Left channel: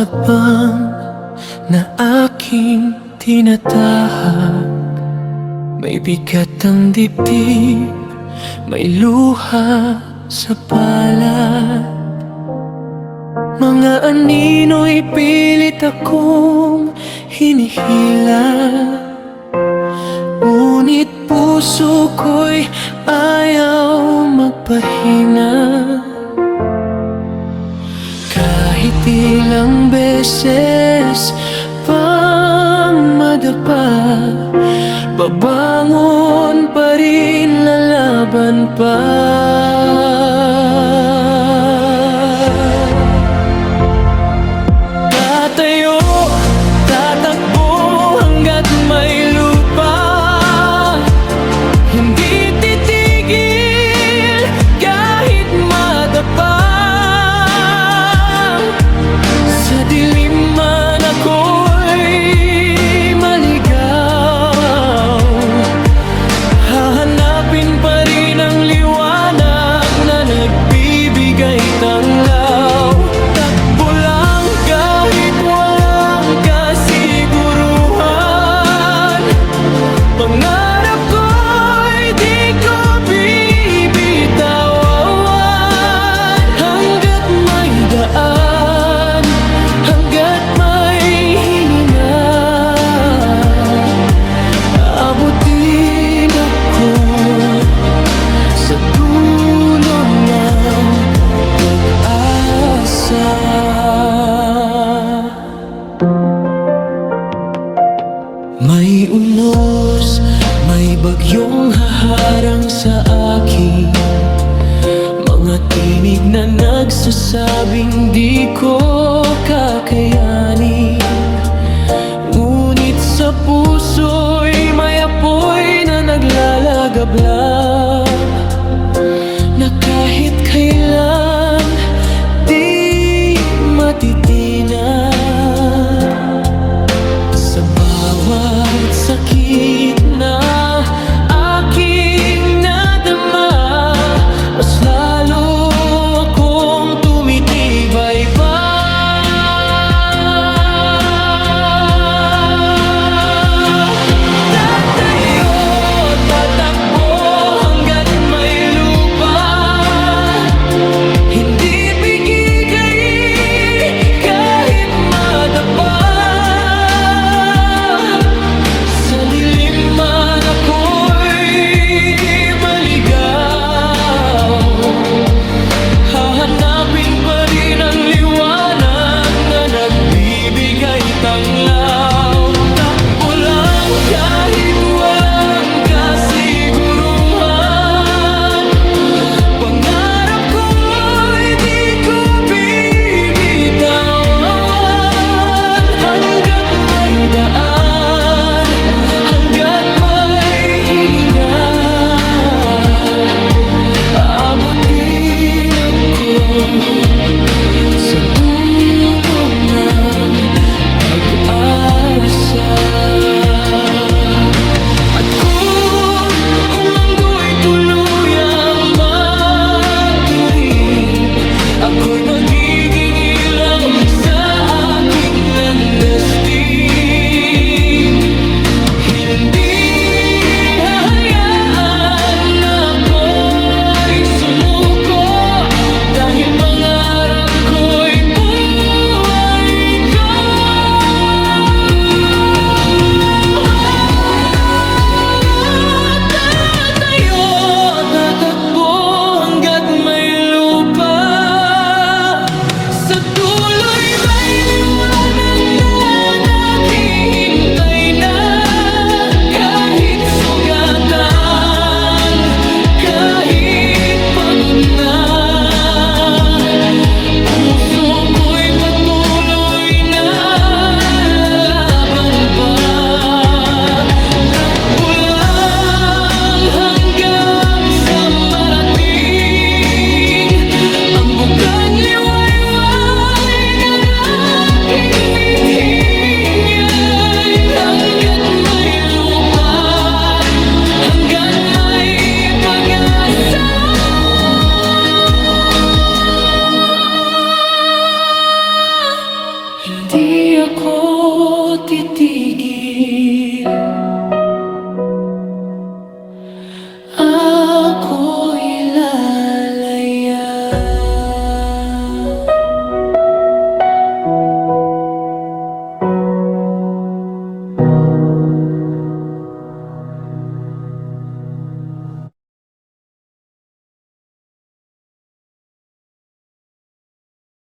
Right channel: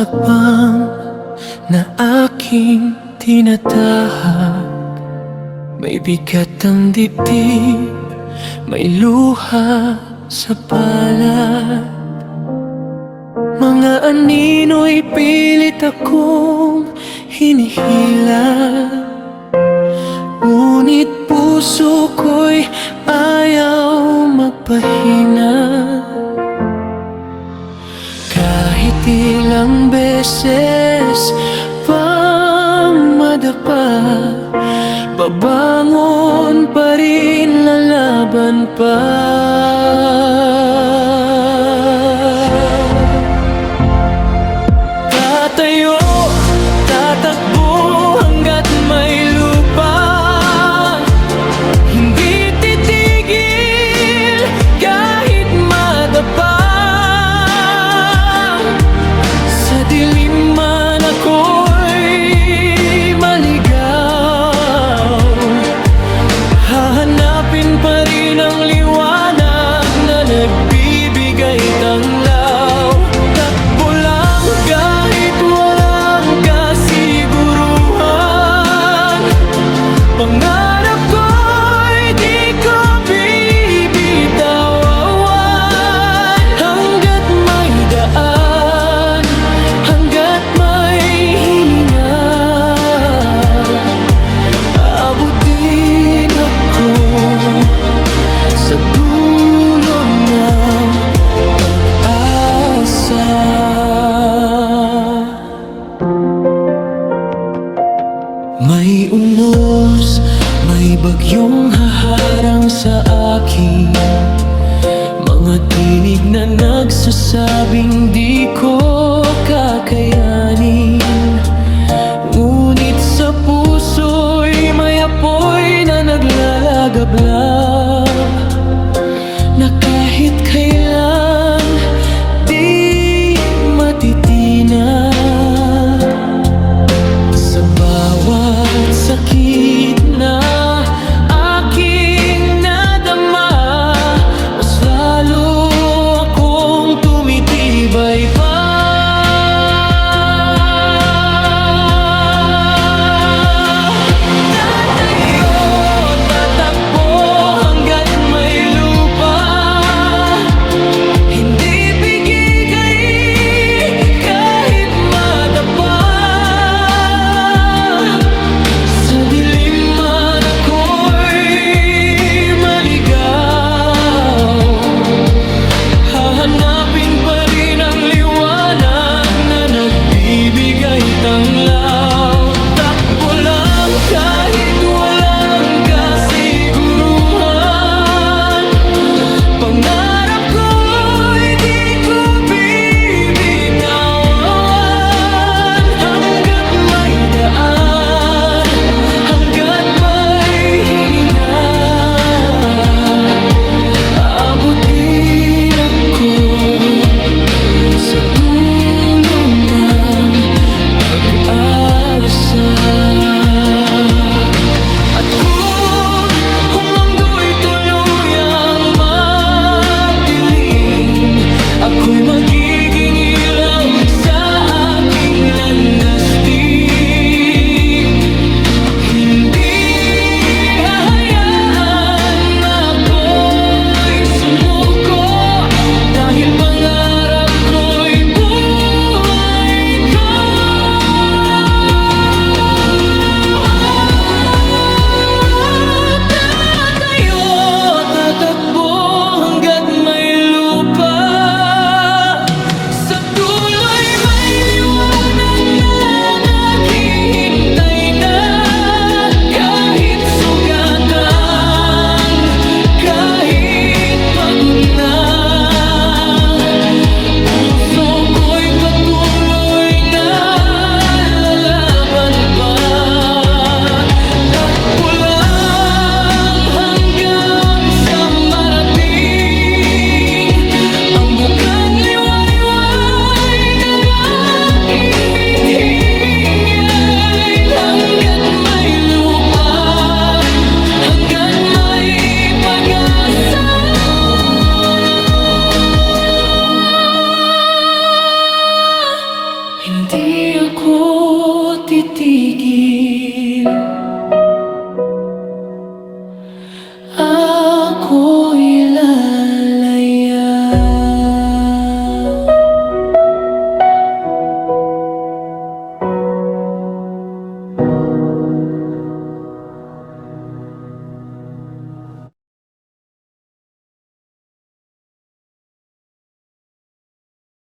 hakbang na aking tinatahak. May bigat ang dibdib, may luha sa palad. Mga anino'y pilit akong hinihila, ngunit puso ko'y ayaw magpahinga. Kahit ilang beses pang madapa, babangon pa rin, lalaban pa. Tatayo, tatakbo hanggat may lupa. Hindi titigil kahit madapa. Sa dilim man ako'y maligaw, hahanapin pa rin ang liwanag na nagbibigay tanglaw. Takbo lang kahit walang kasiguruhan, pangarap ko'y di ko bibitawan. Hanggat may daan, hanggat may hininga, abot din ako sa dulo ng pag-asa. May unos, may bagyong haharang sa akin, mga tinig na nagsasabing di ko kakayanin. Ngunit sa puso'y may apoy na naglalagablab, na kahit kailan di matitinag. Sa bawat sakit na aking nadama, mas lalo akong tumitibay pa. Tatayo, tatakbo hanggat may lupa. Hindi bigigay kahit madapa. Sa dilim man ako'y maligaw, hahanapin pa rin ang liwanag na nagbibigay tanglaw. Takbo lang kahit walang kasiguruhan, pangarap ko'y di ko bibitawan. Hanggat may daan, hanggat may hininga, aabot din ako sa dulo ng pag-asa. ako titigil.